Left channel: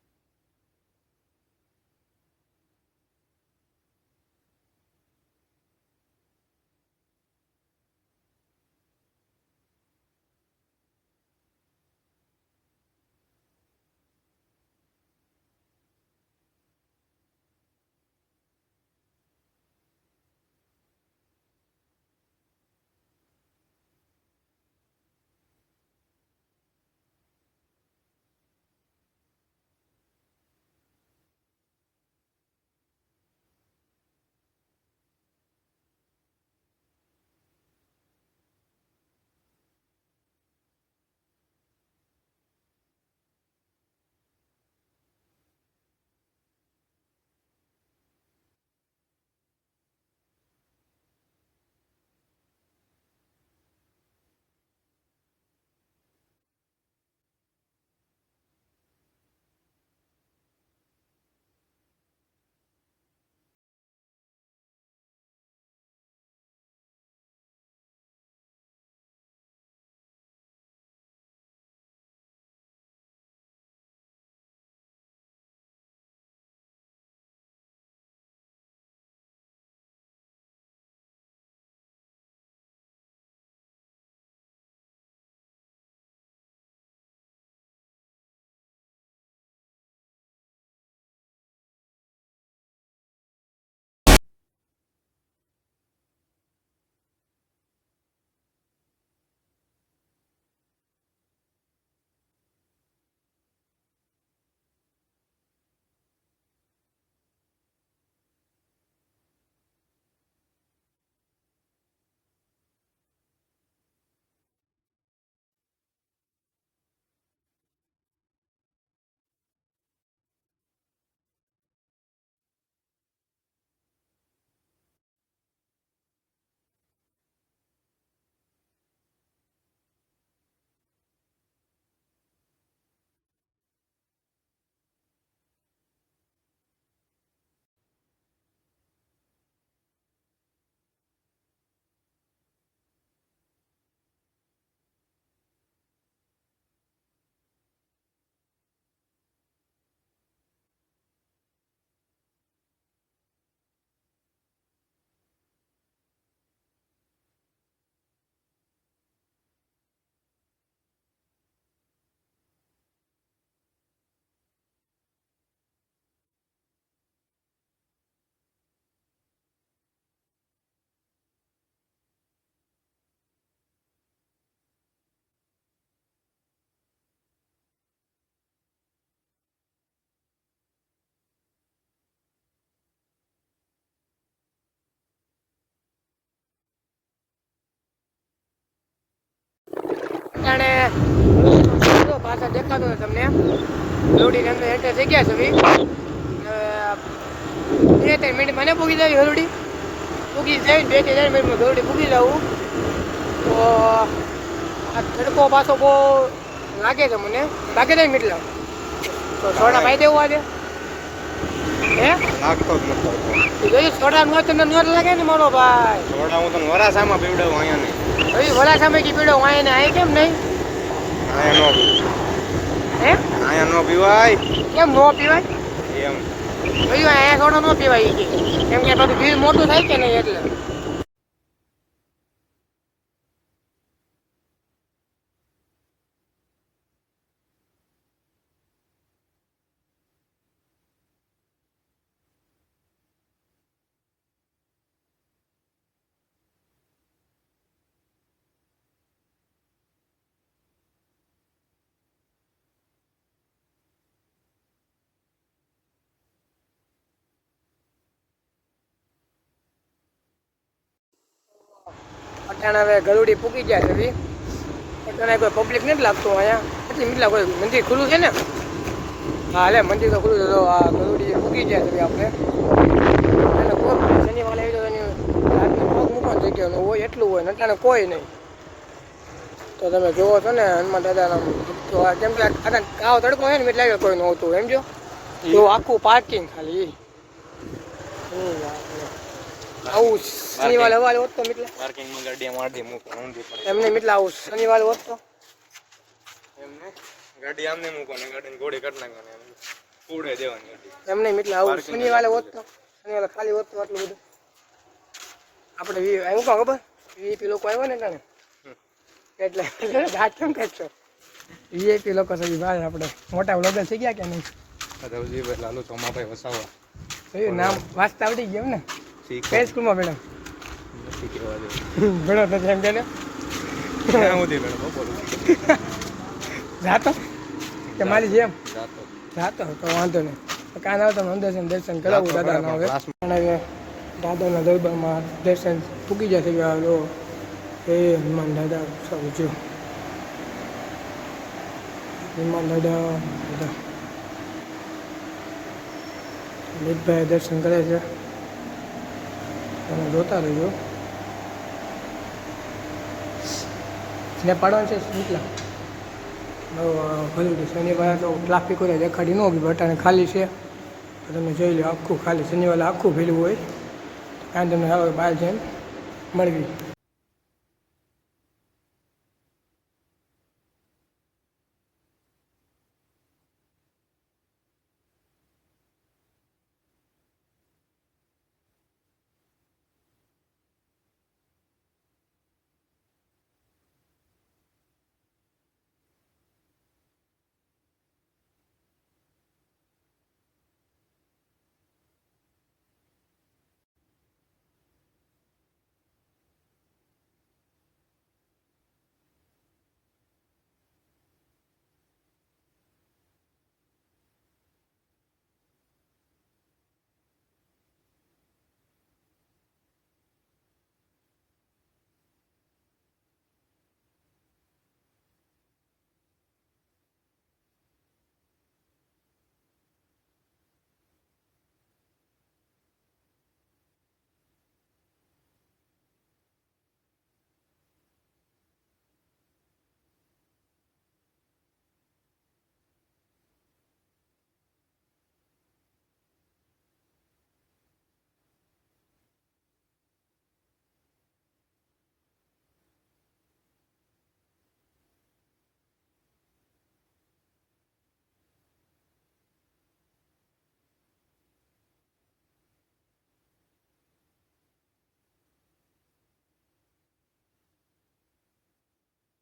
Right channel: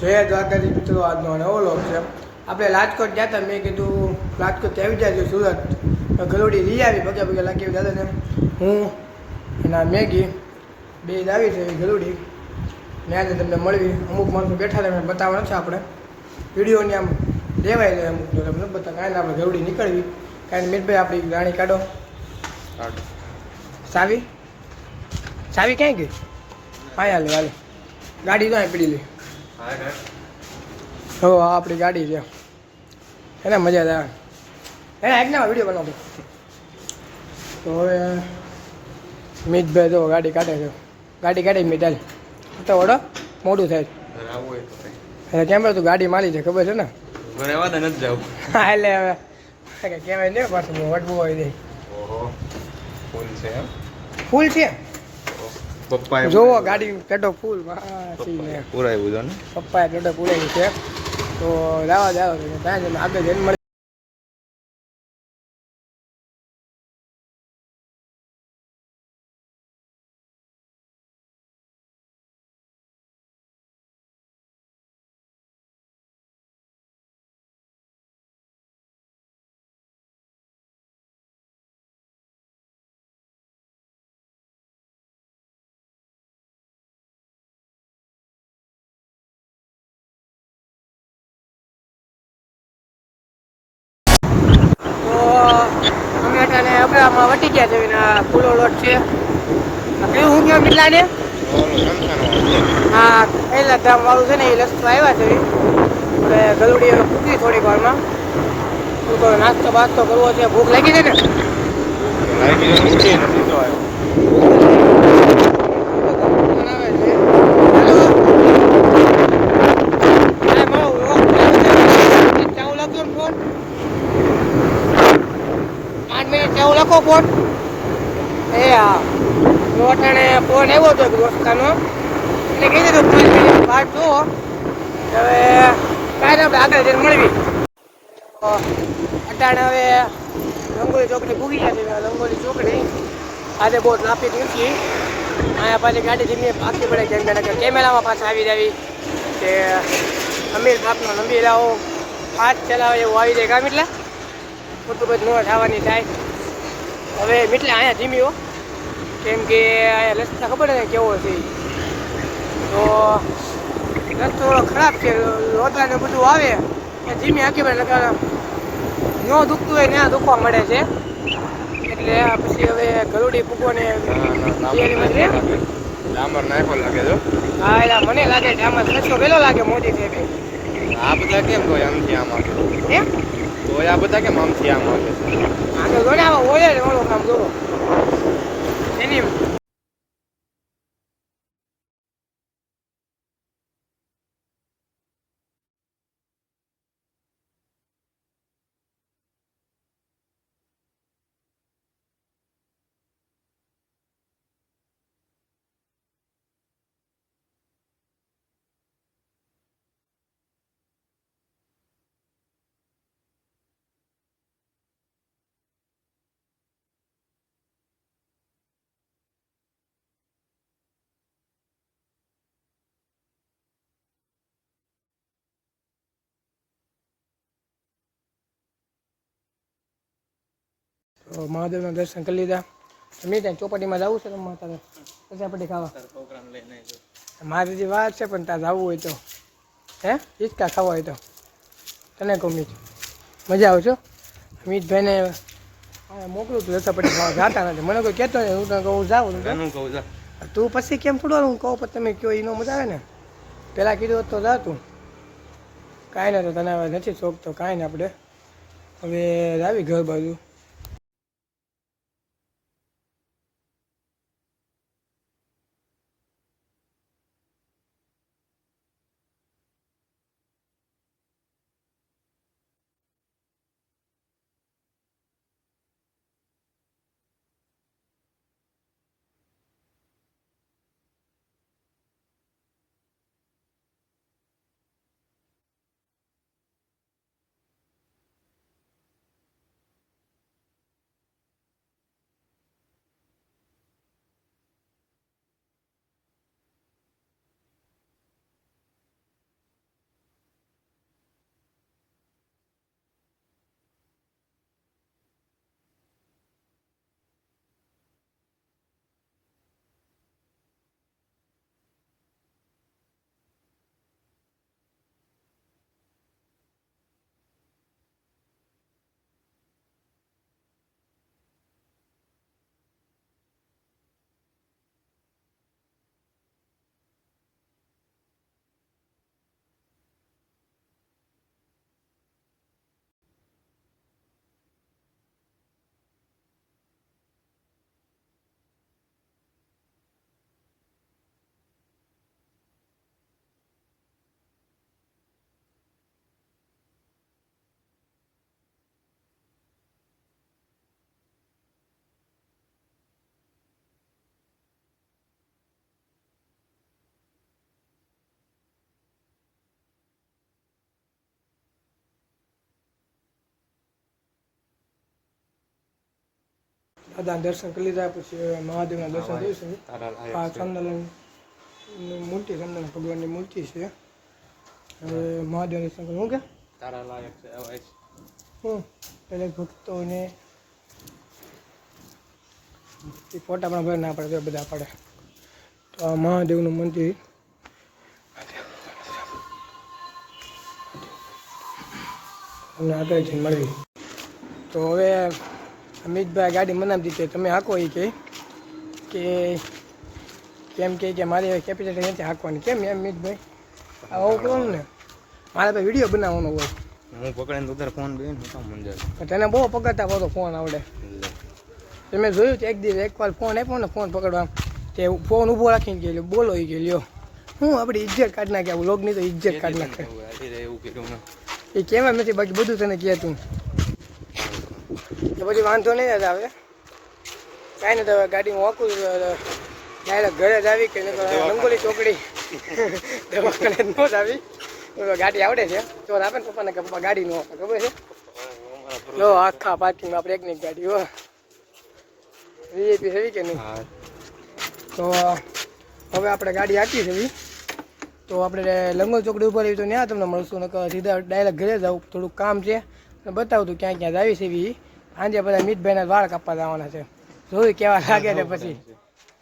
જય દ્વારકાજી મિત્રો, આજનો નવો વ્લોગ છે. આપણે રાજકોટ ગયા હતા. મેં કીધું રાજકોટ આવી જાય સુરત ગલુડી લઈ આવી પગે લાગી દાદાને. હું એના મેગી બે આવી છે ગલુડી ત્યાં તમને મળવી. અમુક માણસો બેઠા હતા, એમને બતાવવા નથી આપણે વિડીયોની આમ લેવાય જાય. અમુક તમને બતા કાંઈ આપણે ગલુડી નીકળવી. કાંઈ મિતભાઈ આપણી રાણી કાઢો. સાવી સાવી ક્યાંય ગઈ? હા હાલે હાલે ગાડી તો અહીં પડી લે. હો આપણી ગાડી છે એને મજા આવે એને આજના વિડીયો બનાવતો. તો હવે મિતભાઈ તો ગાડી કાઢે છે. ગાડી કાઢી મિતાલ તો ઓડો મોડું થાય. કેમ તું ગાડી મારી છે ખબર છે ને? નથી જાવ હા એટલે હવે કહેવાય ને પાછું વટવું હોય નહીં. ફૂલ છે પપ્પા જોવો ગાડી પેટો ફૂલ પૂરાયું છે. પપ્પાએ પેટો પૂરાયું છે. તો જવા આગળ જઈને મળે. ટમેટાને વટી ગયા છે એના ફૂલો લોટ છે. કેવું હું કેવું મીઠલાને હા પહેલા ધામ વાળું છે ને એ રસ્તો આવ્યા છે. આપણે ગલુડી પૂછી થોડીક વારમાં નાસ્તો બાસ્તો કરવો છે. ભૂખ લાગી છે ને લખો ફોન એ હા લોટાણે ફોન આવ્યો હતો દોસ્તાનો એટલે કહી દીધું 5 મિનિટ વાત જુઓ. હવે કાંઈ આપણે આગળ જઈને મળવી. અટાણે હવે રંગોલી ચોકડી ભૂગી ગયા છે. રંગોલી ચોકડી આજે બહુ ટ્રાફિક નથી. અહીંયા પાછી ગાડી ધીમી પાકી પડે કેમ કે કેમેરામાં પાછા આવી જાવી કે અમીર બાપનો નંબીરાઓ ફાસ્ટ ચલાવે એવું આવી જાય. કામ એટલે ખોટું બધું ન થવાની થાય. હવે એટલે અહીંયા ધીમીઓ કેમ કે અહીંયા રસ્તા ખબર ને કેવો છે. તો રસ્તો થોડો ખરાબ છે. રોદા ને બધું આવે એ ધીમી આખી પડે લગાવે ન દુખતું હોય ત્યાં દુખવા મળે છે. એટલે પછી હવે ગલુડી પૂગોને ડામર નાખો લાગે છે. હા એટલે મને લાગે ડામર રસ્તો પેલો લાગે મોદી છે. આ બધા કેમ તો આમથી આમ આવે એમ તો આ બધા કેમ આમથી આમ આવે આગળ જોડાવા હોય ને ઓલો કામ જોવો એની અટાણે પાછા દેખાતો ને તમને હલુડીની અંદર એન્ટર થઈ ગયા છે. 2-3 મિનિટ મને પૂગી જાવી હલુડી પૂગી જાય 2-4 મિનિટમાં હલુડી પૂગી જાવું. તો આ તડકો પાછો બહુ લાગે છે મને લાગે છે મીટલા તો થોડા પાઈ દેવું આજે હે લાગતો જ નથી. જોયું થોડા નોટ ને નોટ લાગે ને મારો ભાઈ. થોડા હું તને વરાસામાં પીવડાવું અહીંયા નહીં. જોયું વરાસામાં કી પીવડાવું અહીંયા ને આ કેમ નહીં? અહીંયા નો હે અહીંયા નો પીવાય. કેમ નો પીવાય? એમ જોયું અહીંયા થોડો નો પીવાય કેમ કે બધું ભીડ મોટું થાય કે નહીં એટલે. તો મહાદેવના દર્શન કરી લીધા. મેં ત્યાં ચોપાટીમાં જવું છે રમવા તારે કચાપટી ખાવા પ્રોગ્રામ લઈને મારી જે વાત છે પણ ત્યાં જવું હોય તો હે હિચકા ખાવા હોય તો તને કહું મીત મજા આવશો. મિતભાઈને મોકલું તું રસાપટી ખાવા જતા નથી. મને કોઈ કહેતો નહીં. હું તને કહું જાઉં કહું તું પછી કેમ થોડો હું કહું પણ તમે કહો એનો મજા આવે ને. પહેલાં કીધું તો જા તું કાંઈ ના. તો તને હવે નથી શોખ તો કાંઈ ને આપણે હવે આવી ઘર બાજુ અટાણે હવે ગલુડી પૂકી ગયા છે. અટાણે કોઈ પબ્લિક નથી લાગતું અહીંયા એટલી મીટલા કોઈ મંદિર ખુલ્લું છે ને. હા એટલે મંદિર તો ખુલ્લું છે. તો આ ગલુડી પૂકી ગયા છે આપણે અને કોઈ શનિવાર આવી તો એની રાતને પગ મૂકવાની જગ્યાનું હોય એટલું હોય ને અટાણે કોઈ નહીં. તો તમે જોવો છો ને હનુમાન દાદાના તો કેમ કે આવો તડકો હોય ને એટલે લાગે કોઈ નહોતું એમ જો તો આખું પાર્કિંગ ખાલી આવું શનિવાર હવારે હોત તો મિટલા પાર્કિંગમાં ગાડી મારતી મૂકો એમને મિટલા આવું શનિવાર હોત તો એમને ગાડી આમને મૂકો ને ગાડીને ઘોડી કાઢ નાખવાની પૂડે દેવાની હતી એમ નહીં એટલે આવું શનિવારે હોત તો શનિવારે ખાલી હોત તો આટલું બધું આપણે હું કહું ખબર વીઆઈપી લોકો આવ્યો ને તને એટલે ઘાટ કેમ કાઢશો વીઆઈપી લોકો સગી ભાઈ આપણે મોટા બ્લોગર થઈ ગયા કે નહીં રવજીભાઈ લાલુ ચોમાભાઈ વસાવા જોયું નામ વાંચતા આવડી ગયું ને કઈ સ્કૂલમાં ભણ્યો નથી કહેવા દે ભણો નથી એમ કે ક્યાં સુધી મેડમ બોલું જાતો કે મારી જેમ જાતો જાતો તો વાંધો નહીં કાન આવતો દર્શન કરાવું દાદાના હવે દાદાના દરબારમાં દર્શન પૂકી જશે લો હે હનુમાન દાદા સૌ જો હનુમાન દાદા બધા મિતભાઈ દર્શન કરે છે તમે જોતા રહેજો ને પાડવાનું છે નીકળા ભલું શનિવારે તો ટ્રાફિક હોય દેખાડી ન હોય બટાને ખાલી છે તમે જોઈ લો આખું ખાલી શનિવારે આખું ભેલું હોય કાંઈ તમને આવે બહાર જઈને મળવી દાદા દર્શન કરી લીધા પછી મહાદેવના દર્શન જોઈશું આ ચંદન મૂર્તિ ચંદન ભગવાનની મૂર્તિ છે હવે મહાદેવના દર્શન કરું કે તારા લાયક છે હું દરેક ભક્તોને એ ફોટા પણ ભર ના પડે બધા પડે તો આ મહાદેવનું મંદિર અમને આગળ જઈને મળવી તો હવે અમિતભાઈ ગાડી મનાવી દીધી તમે હાંકો એ કે કેમ કે મારી કેપેસિટી નથી હાંકવાની કેમ એમ અમિતભાઈ આવું કરવાનું ને મારે તો વિડીયો બનાવવાનો હોય હું પકડીને ઉધર ફોન બે તને બહુ પકડતા બધો ફોન આવડે તમે જોયું એક દિવસ એકવાર ફોન આપ્યો ને ફોન પકડવા તે ફોન ઊભો રાખીને ગયેલો બોલો એ કે લ્યો હું આપણી ઇજ્જત કાઢી નાખે આવું લોગની તો ઇજ્જત કાઢી નાખે એવું કીધું એ કહેવા નથી બાકી બધું તને કહે તું તો પછી વાંધો નહીં જ આવે કાંઈ નહીં તો હવે ગાડી હું વાંકું ડાયરેક્ટ ઘરે જ આવી કે રંગોલી ચોકડી દવાખાને ન જ આવી ગાડી આવડે છે તો આપે ને પપ્પાને કે પપ્પા ગાડી ન આપે ખબર છે જો આખા પાર્કિંગમાં આપણે એકની ગાડી હો વીઆઈપી થવી કે નહીં તો હવે આપણે ગાડી આપી છે તો આપણે લંગોલ ચોકડી ઉપર આવી તો ત્યાં તમને મળશું ને સીધા ડાયરેક્ટ ઘરે જાઉં થોડુંક કામ છે અને બતાવું તું ક્યાં ક્યાં આવી છે એવી આજે બધા મિતભાઈના વાળ કાપવા જવાના છે જોયું કેવા લાગે છે પછી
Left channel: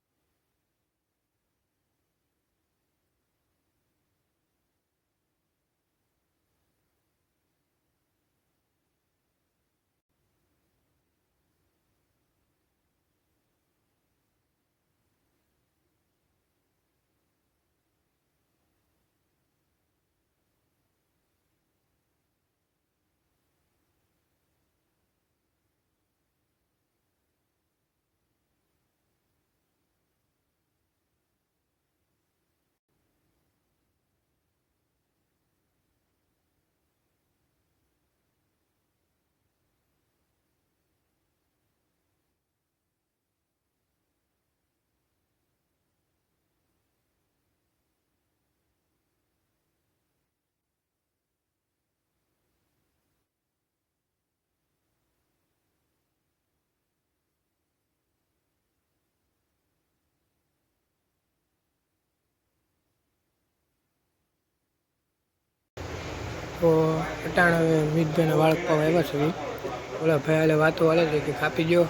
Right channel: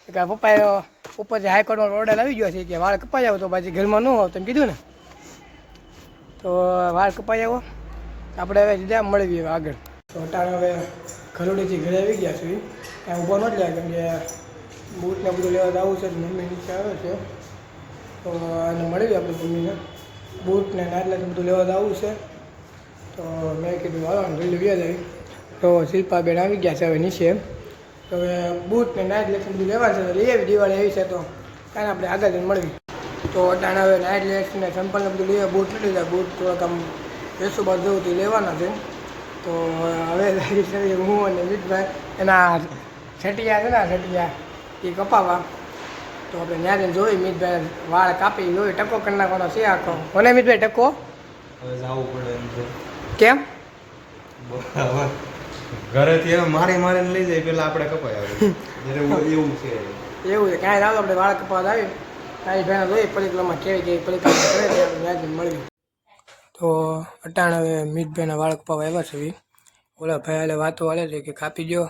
કે પપ્પાએ ઉપરથી હાઈકોર્ટમાં ઓર્ડર આવી ગયો છે કે વાળ કપાઈ આવો તો પાછી ઘરમાં ન આવો તમે કીધું ને તો વાળ કપાઈ આવો આપણે હવે સીધા મળવી હવે આગળ તો અટાણે હવે ખરોડીથી ઘરે આવી ગયા છે ત્યાં ઊભો ન જ લાગે કેમ કે બૂટને બધું લેવા આવું છે મમ્મી નીચે આવ્યો છે તો એને મળી આપણે મમ્મીને બૂટને નાટલા બધું લેવા આવું છે તો મેં કીધું આવવાનું જલ્દી વ્યા જાય તો શિલ્પાબેન આવી ગયા છે હવે નીચે તો હવે બૂટ ને નાઇટ લેક્સ બધું લેવા છે લઈ આવી દિવાળી આવી છે તો કાંઈ આપણે આગળ જઈને મળવી તો અટાણે હવે નાઇટ લેક્સ ને ચંપલને બધું લઈએ બૂટ લીધી જાય બૂટ થોડાક આમ 200 બાદ જવું તે લેવાના છે તો હવે હું અને મિતભાઈ એના છટિયા છે ને છટિયા એ કપાવા તો આપણે ત્યાં જઈને જોઈ મિતભાઈ વાળ કાપી જોઈ ટકો કરી નાખવાનો છે આખો મને મિતભાઈ ટકો હવે જવું પડે એમ છે કેમ ઘરેથી મારી મારીને લઈ જાય પેલા આપણે કપાય આવે એવું છે એવું છે કાંઈ રાવ આપણે વાળ કપાવા આવી તારી ભાઈને જોઈએ પરિક્રમા કેવી કેવી પરિક્રમા કરે છે આપણે ત્યાં મળી તો અટાણ હવે મિતભાઈના વાળ કપાવા આવ્યા છે ઓલા ભાઈ એટલે વાતો હાલે છે કે કાપી દો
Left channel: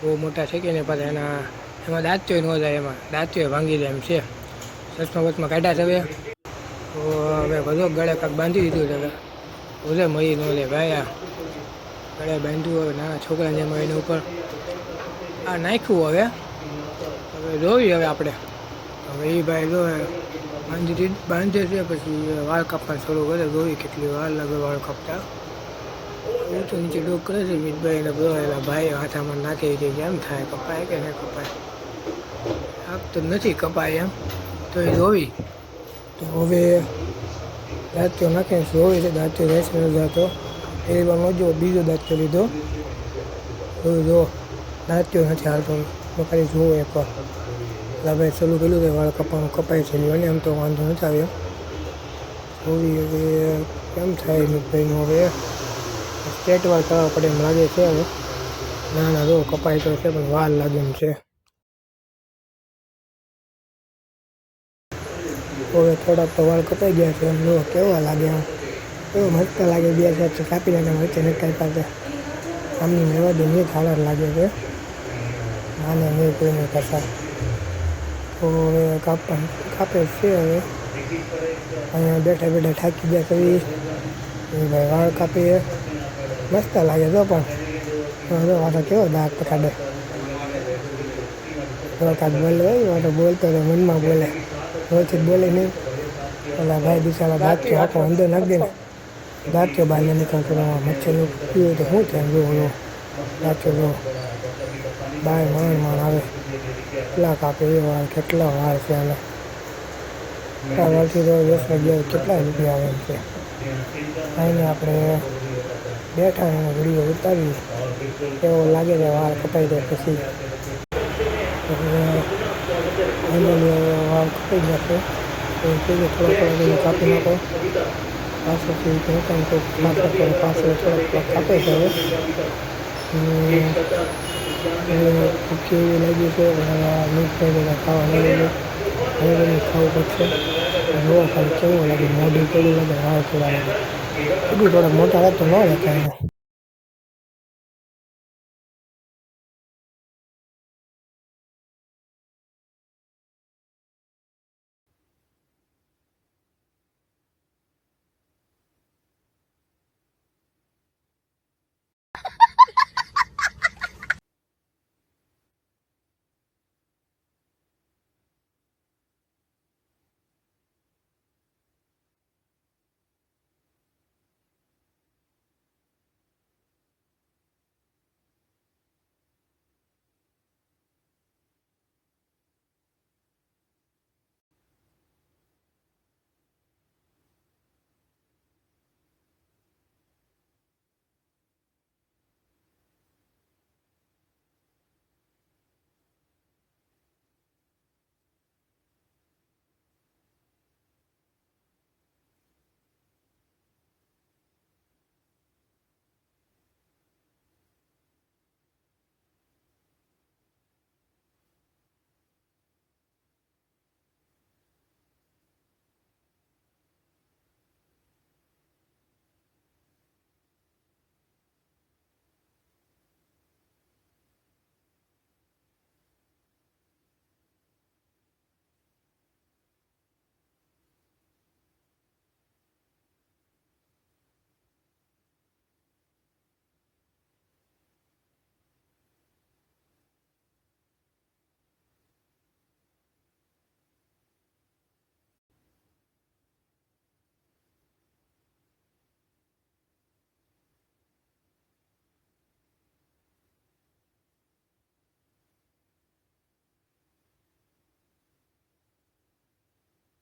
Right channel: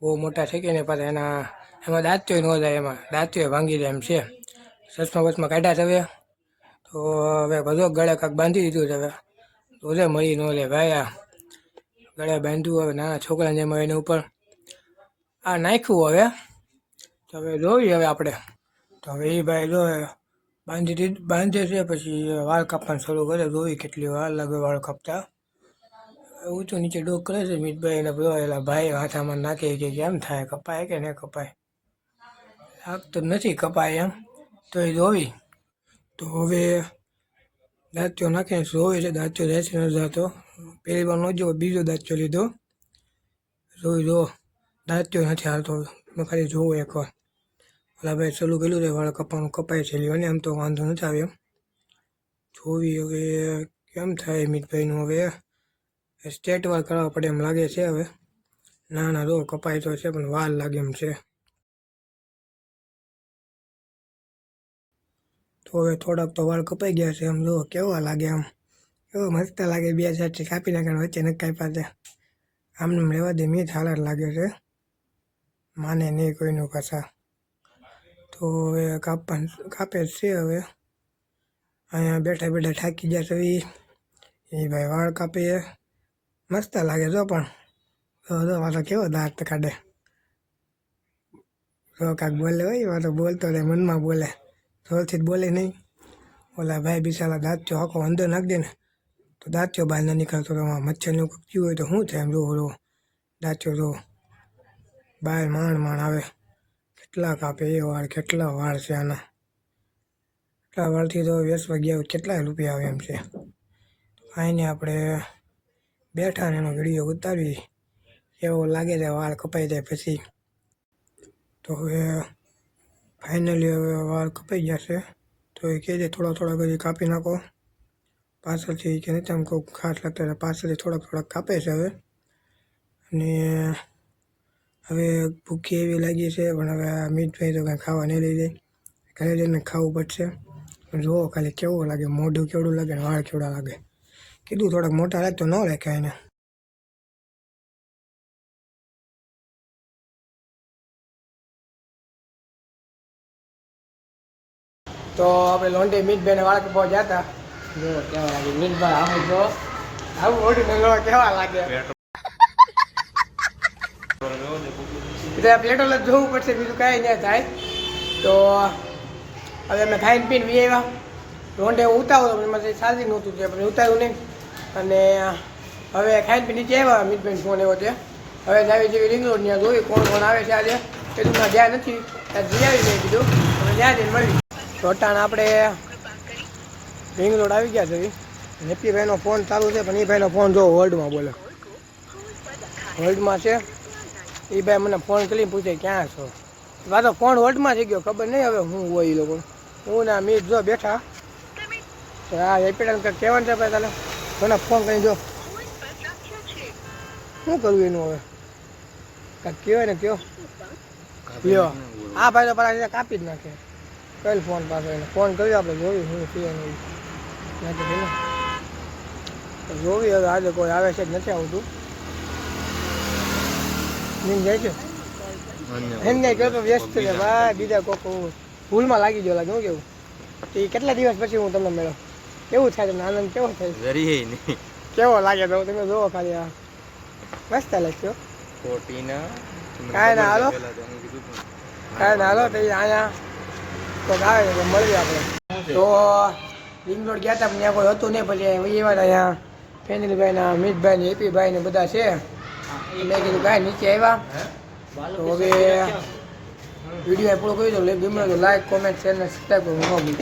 બહુ મોટા છે કે ને પાછા એમાં દાંતીઓ ન જાય એમાં દાંતીઓ ભાંગી જાય એમ છે ચશ્મા બસમાં કાઢ્યા છે હવે તો હવે બધો ગળે કાંક બાંધી દીધું છે હવે ઓલે મળી ન લે ભાઈ આ ગળે બાંધ્યું હવે નાના છોકરાને જેમ એની ઉપર આ નાખ્યું હવે જોવી હવે આપણે તો હવે એ ભાઈ જો બાંધે છે પછી વાળ કાપવાનું શરૂ કરે જોવી કેટલી વાર લાગે વાળ કાપતા હું તો નીચે ડોક કરે છે મિતભાઈ એને બધો એલા ભાઈ હાથામાં નાખે કે કેમ થાય કપાય કે નહીં કપાય આગ તો નથી કપાય એમ તો એ જોવી તો હવે દાંતીઓ નાખીને જોવી છે દાંતીઓ જાય છે નથી જતો પહેલી વાર ન જોવો બીજો દાંતીઓ લીધો જો દાંતીઓ નથી હાલતો મેં ખાલી જોવો એકવાર એટલે ભાઈ ચાલુ કર્યું છે વાળ કપાવાનું કપાય છે અને એમ તો વાંધો નથી આવે એમ જોવી હવે કેમ થાય મિતભાઈનું હવે સ્ટેટ વાર કરવા પડે એમ લાગે છે હવે ના જો કપાય તો છે પણ વાર લાગે એમ છે હવે થોડાક તો વાળ કપાઈ ગયા છે એમ જુઓ કેવા લાગે આમ કેવો મસ્ત લાગે બે સાઈડ કાપી નાખે વચ્ચે નથી કાપ્યા આમને મેવા દે નહીં થાળર લાગે છે માને નહીં કોઈની કશા તો હવે કાપે છે હવે અહીંયા બેઠા બેઠા થાકી ગયા છે એ ભાઈ વાળ કાપીએ મસ્ત લાગે જો પણ વાતો કેવો દાંત કાઢે જો કાંક બોલે હોય વાતો બોલતો રહે મનમાં બોલે રોજથી બોલે નહીં ઓલા ભાઈ બિચારા દાંત્યો આખો અંદર નાખી દે ને દાંત્યો બહાર ન નીકળતો મચ્છરનું પીવું હોય તો શું છે એમ જો દાંત્યો જો બહાર માણ આવે કેટલા કાપે એ વાળ કેટલા વાળ છે આના એટલા વાળથી તો વેસવા ગયા કેટલા રૂપિયા આવે એમ છે અહીંને આપણે બેઠા ને એનો વિડીયો ઉતારી એવો લાગે છે વાળ કપાઈ જાય પછી તો હવે ફાઇનલી વાળ કપાઈ ગયા છે તો એ કહે છે થોડા બધું કાપી નાખો પાછળથી કે તમે કોઈ ખાટ અત્યારે પાછળ થોડાક કાપે છે હવે ને એ ભૂખી એવી લાગી છે પણ હવે મીઠ નહીં ખાવા નહીં લઈ ગયો હવે તમને ખાવું પડશે જુઓ ખાલી કેવું લાગે મોઢું કેવું લાગે વાળ કેવા લાગે કીધું થોડાક મોટા રહે તો ન રહે કાંઈ તો આપણે લોંઢે મીઠભાઈને વાળ કપાવા ગયા હતા જો કેવા લાગે મીઠભાઈ આવું જો આવું ઓઢીને લો કેવા લાગે પ્લેટો જ જોવું પડશે બીજું કાંઈ નહીં થાય તો હવે અમે ખાઈને પીને વી આવ્યા રોંઢે ઉતારો એમાંથી સાજી નહોતું છે પણ ઉતાર્યું નહીં અને હવે ખાઈને પીને નીચે આવ્યા મીઠભાઈને ફોન આવ્યો છે હવે જાવી જેવી રિંગ રોડ ત્યાં જોયું કોણ આવે છે આજે એટલું જ્યાં નથી ત્યાં જઈ આવી મેં કીધું હવે ત્યાં જઈને મળી ચોટાણ આપણે રિંગ રોડ આવી ગયા છે હેપીભાઈનો ફોન ચાલુ છે પણ એ ભાઈનો ફોન જો વર્લ્ડમાં બોલે વર્લ્ડમાં છે એ ભાઈ મને ફોન કરીને પૂછે ક્યાં છો પાછો ફોન વર્લ્ડમાં થઈ ગયો ખબર નહીં હવે હું હોય એ લોકો હું ના મીટ જો બેઠા હા હેપીડાને કંઈક કહેવાનું છે ભાઈ તાલે મને ફોન કરી જો શું કરવું એનું હવે કાંઈક કહેવાય ને કયો લ્યો હા ભાઈ તો પાછા કાપી જ નાખે કઈ ફોન પાછો એને ફોન કર્યો આપણે જોયું શું છે જોવી હવે આજે કોઈ આવે છે જ નથી આવતું નીમ જાય છે એમને કહો તો વ્યસ્ત છે ભાઈ બીજા કોક ભૂલમાં લાગી ગયો લાગે હું કેવું એ કેટલા દિવસ પછી હું તમને મળ્યો કેવું થાય તમને આનંદ કેવો થાય કેવો લાગે તો તમે જોવો ખાલી આ મસ્ત લાગ્યો કાંઈ ના હાલો કાંઈ ના હાલો તો અહીંયા કોઈક આવે તો મળીએ આપણે તો રિંગ રોડ ગયા હતા પણ ત્યાં કોઈ હતું નહીં પછી એવા અહીંયા ફેનિલભાઈના મીતભાઈ હેપીભાઈ ને બધા છે મેં કીધું કાંઈ નીચે આવ્યા તો હવે વિડીયો પૂરો કરી દો ગમે તો લાઈક કોમેન્ટ શેર ને સબસ્ક્રાઈબ કરવું ન ભૂલતા